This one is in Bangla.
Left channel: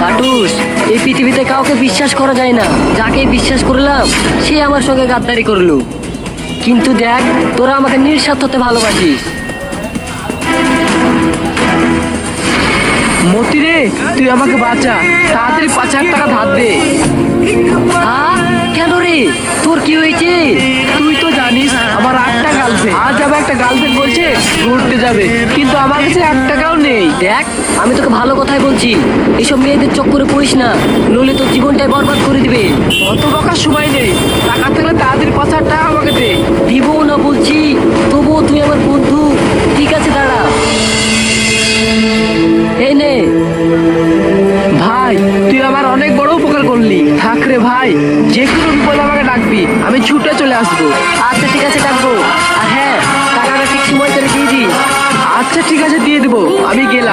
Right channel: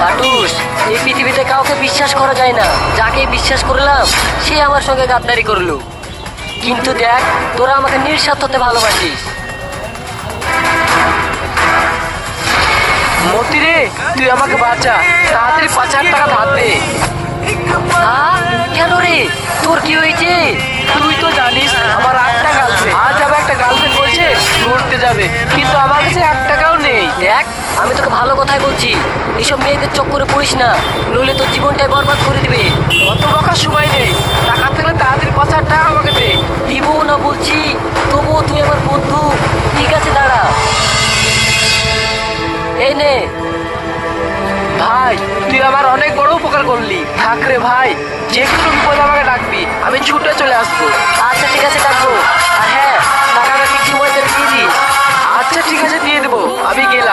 কাটুস, এই পৃথিবীতে কাউকে বিশ্বাস করা যায় না। যাকে বিশ্বাস করলাম সে আমার সঙ্গে গাদ্দারি করলো। কিন্তু দেখ, তোরা আমাকে নিঃস্বার্থতে ভালোবাসিস। মতি রে, তুই আমাকে বাঁচা, তাড়াতাড়ি 5,000 টাকা ধার দে। কেন রে, তোর কি হয়েছে? তুই তো জানিস আমার 8টা গার্লফ্রেন্ড। আজ আমার একটা গার্লফ্রেন্ড বলছে ঘুরতে যাবে, কিন্তু আমার কাছে 1 টাকাও নেই। দেখ, আমি তোকে ভালো কথাই বলছি, এইসব মেয়েদের চক্করে পড়িস না, নইলে তোর জীবনটাই বরবাদ করে দিবে। অত বকার সময় নেই, টাকা থাকলে তাড়াতাড়ি 5,000 টাকা আমাকে দে। দিব না বলছি, তবুও তুই আমার বন্ধু। ঠিক আছে, দাঁড়া, এই নে। ভাই, তুই আমার অনেক বড় উপকার করলি। থাক রে ভাই, যে কোনো বিপদ আমাকে ডাকবি, আমি ছুটে চলে আসবো। আচ্ছা ঠিক আছে, ডাকবো। আর হ্যাঁ, টাকাটা ঠিক সময় করে দিয়ে দিস। আচ্ছা ঠিক আছে, দিয়ে দেবো, আমি গেলাম।